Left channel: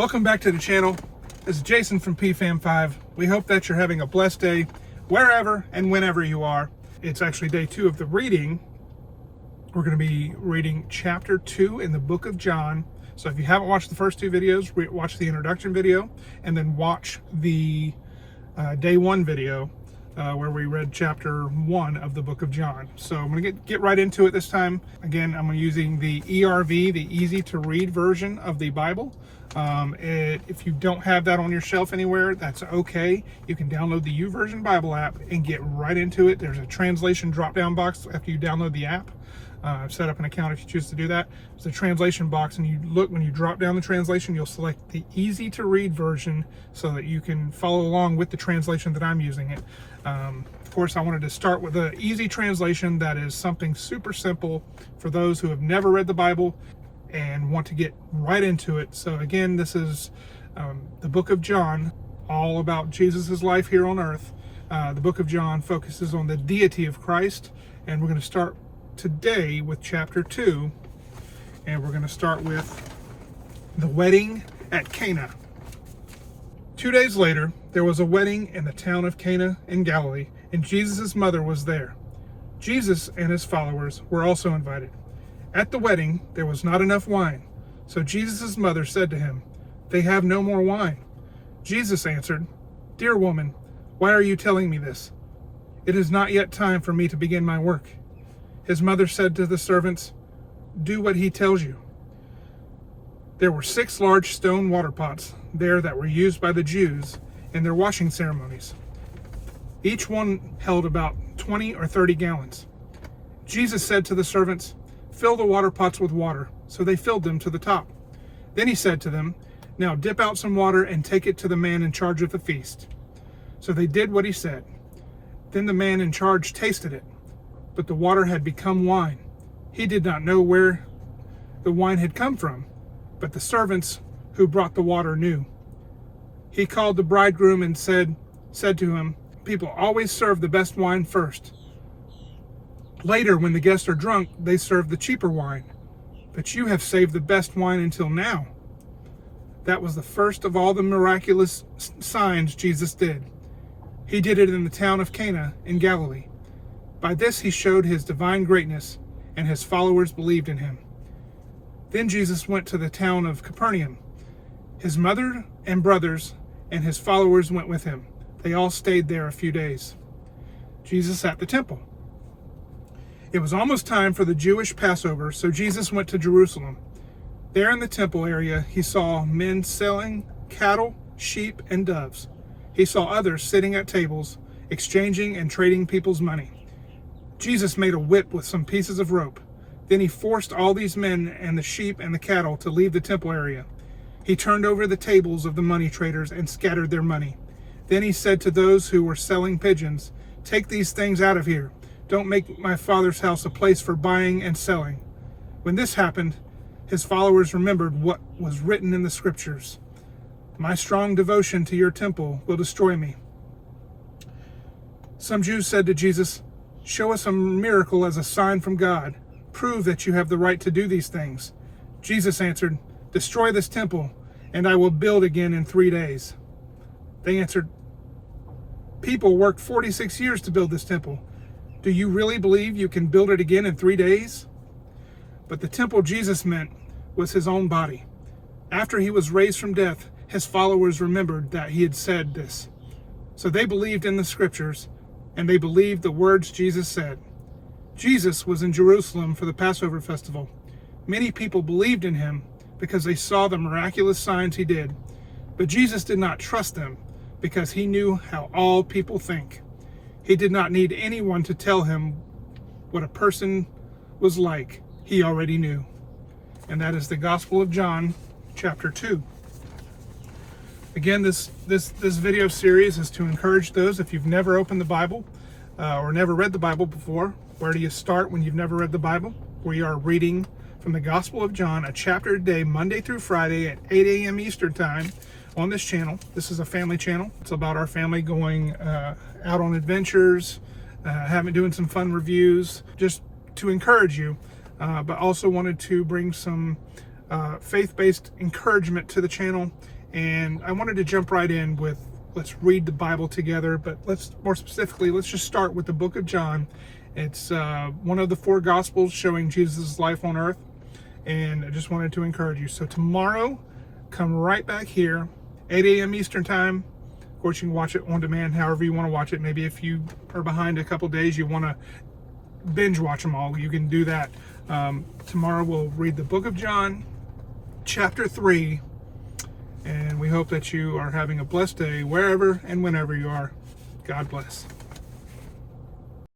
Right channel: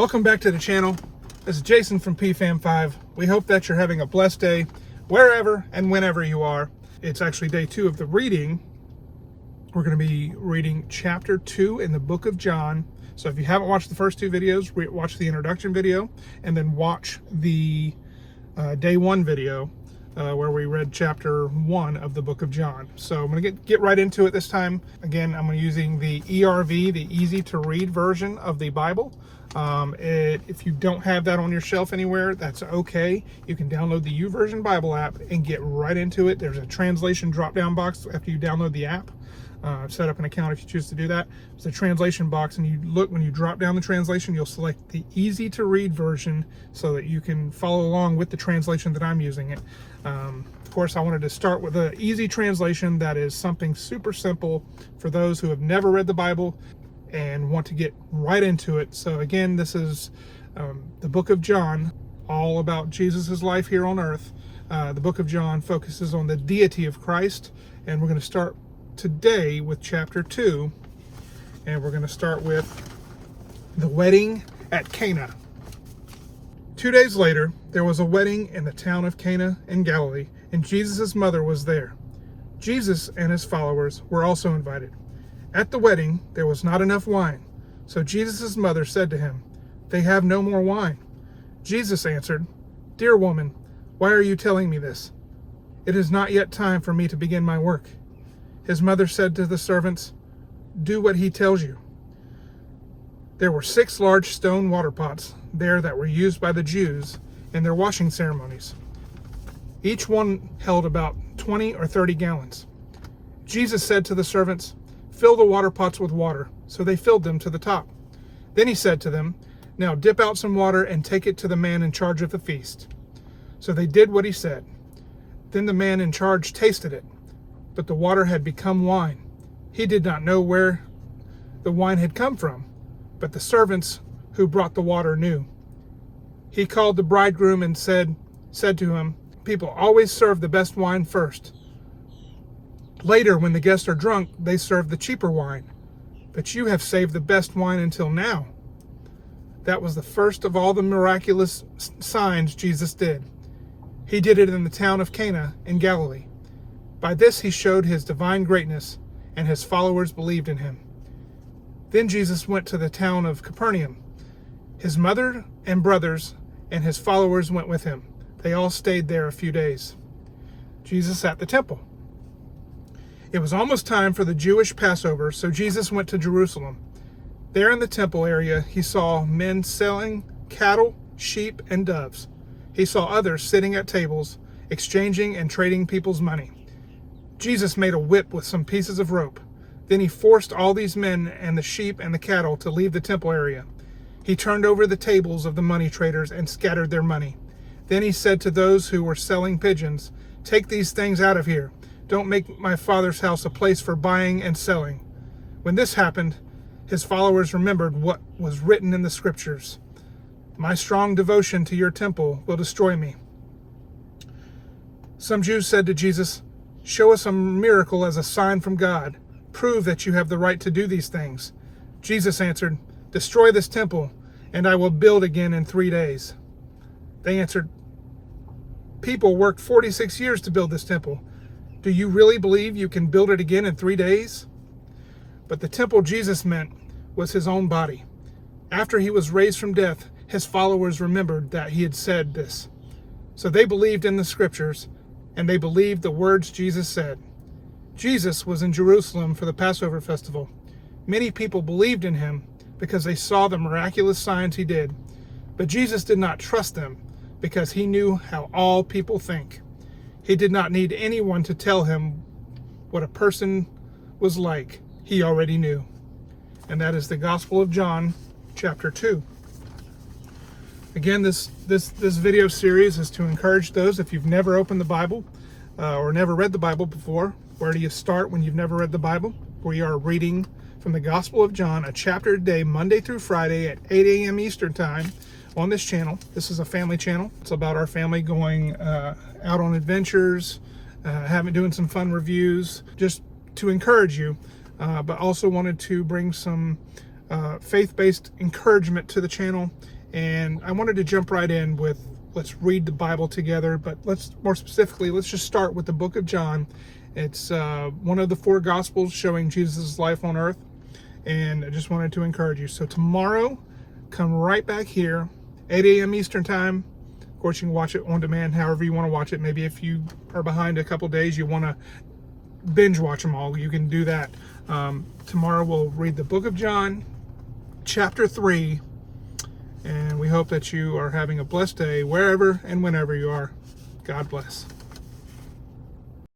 Welcome back to the channel. This is Jason from PFAM5. We hope that you're having a blessed day wherever and whenever you are. It's actually day 2 of the reading. We're going to be reading chapter 2 in the book of John. So if you haven't watched the first 2 videos, watch the introduction video and then watch the day 1 video where we read chapter 1 of the book of John. So I'm going to get right into it this time. Again, I'm using the ERV, the easy to read version of the Bible. If you don't have that on your shelf anywhere, that's okay. You can download the YouVersion Bible app and get right into it. There's a translation drop-down box after you download the app. Set up an account if you choose to do that. It's a translation box, and you look, when you drop down the translation, you'll select the easy to read version so that you can follow along with the translation that I'm using it. Of course, I wanted to start with an easy translation that is something super simple for those who have never read the Bible and want to get right into it. So again, this is the book of John, all about Jesus' life here on earth. The book of John focuses on the deity of Christ, and we're going to start today with chapter 2, and we're going to start with the wedding at Cana. 2 days later, there was a wedding in the town of Cana in Galilee, and Jesus' mother was there. Jesus and his followers were also invited. At the wedding, there was not enough wine, so Jesus' mother said to him, "They have no more wine." Jesus answered, "Dear woman, why are you telling me this? It is not yet time for me to begin my work." His mother said to the servants, "Do what he tells you." There were 6 large stone water pots there that were used by the Jews in their washing ceremonies. Each one held about 20 or 30 gallons. Jesus said to the servants, "Fill the water pots with water." So they filled them to the top. Then he said to them, "Now dip out some water and take it to the man in charge of the feast." So they did what he said. Then the man in charge tasted it, but the water had become wine. He did not know where the wine had come from, but the servants who brought the water knew. He called the bridegroom and said to him, "People always serve the best wine first. Later, when the guests are drunk, they serve the cheaper wine. But you have saved the best wine until now." That was the first of all the miraculous signs Jesus did. He did it in the town of Cana in Galilee. By this he showed his divine greatness, and his followers believed in him. Then Jesus went to the town of Capernaum. His mother and brothers and his followers went with him. They all stayed there a few days. Jesus at the temple. It was almost time for the Jewish Passover, so Jesus went to Jerusalem. There in the temple area, he saw men selling cattle, sheep, and doves. He saw others sitting at tables, exchanging and trading people's money. Jesus made a whip with some pieces of rope. Then he forced all these men and the sheep and the cattle to leave the temple area. He turned over the tables of the money traders and scattered their money. Then he said to those who were selling pigeons, "Take these things out of here. Don't make my Father's house a place for buying and selling." When this happened, his followers remembered what was written in the scriptures. "My strong devotion to your temple will destroy me." Some Jews said to Jesus, "Show us a miracle as a sign from God. Prove that you have the right to do these things." Jesus answered, "Destroy this temple, and I will build again in 3 days." They answered, "People worked 46 years to build this temple. Do you really believe you can build it again in 3 days?" But the temple Jesus meant was his own body. After he was raised from death, his followers remembered that he had said this. So they believed in the scriptures, and they believed the words Jesus said. Jesus was in Jerusalem for the Passover festival. Many people believed in him because they saw the miraculous signs he did. But Jesus did not trust them because he knew how all people think. He did not need anyone to tell him what a person was like. He already knew. And that is the Gospel of John, chapter 2. Again, this video series is to encourage those, if you've never opened the Bible or never read the Bible before. Where do you start when you've never read the Bible? We are reading from the Gospel of John, a chapter a day, Monday through Friday at 8 a.m. Eastern Time on this channel. This is a family channel. It's about our family going out on adventures, doing some fun reviews, just to encourage you, but also wanted to bring some faith-based encouragement to the channel. And I wanted to jump right in with, let's read the Bible together, but let's just start with the book of John. It's one of the 4 Gospels showing Jesus' life on earth, and I just wanted to encourage you. So tomorrow, come right back here, 8 a.m. Eastern Time. Of course, you can watch it on demand however you want to watch it. Maybe if you are behind a couple days, you want to binge watch them all, you can do that. Tomorrow we'll read the book of John, chapter 3, and we hope that you are having a blessed day wherever and whenever you are. God bless.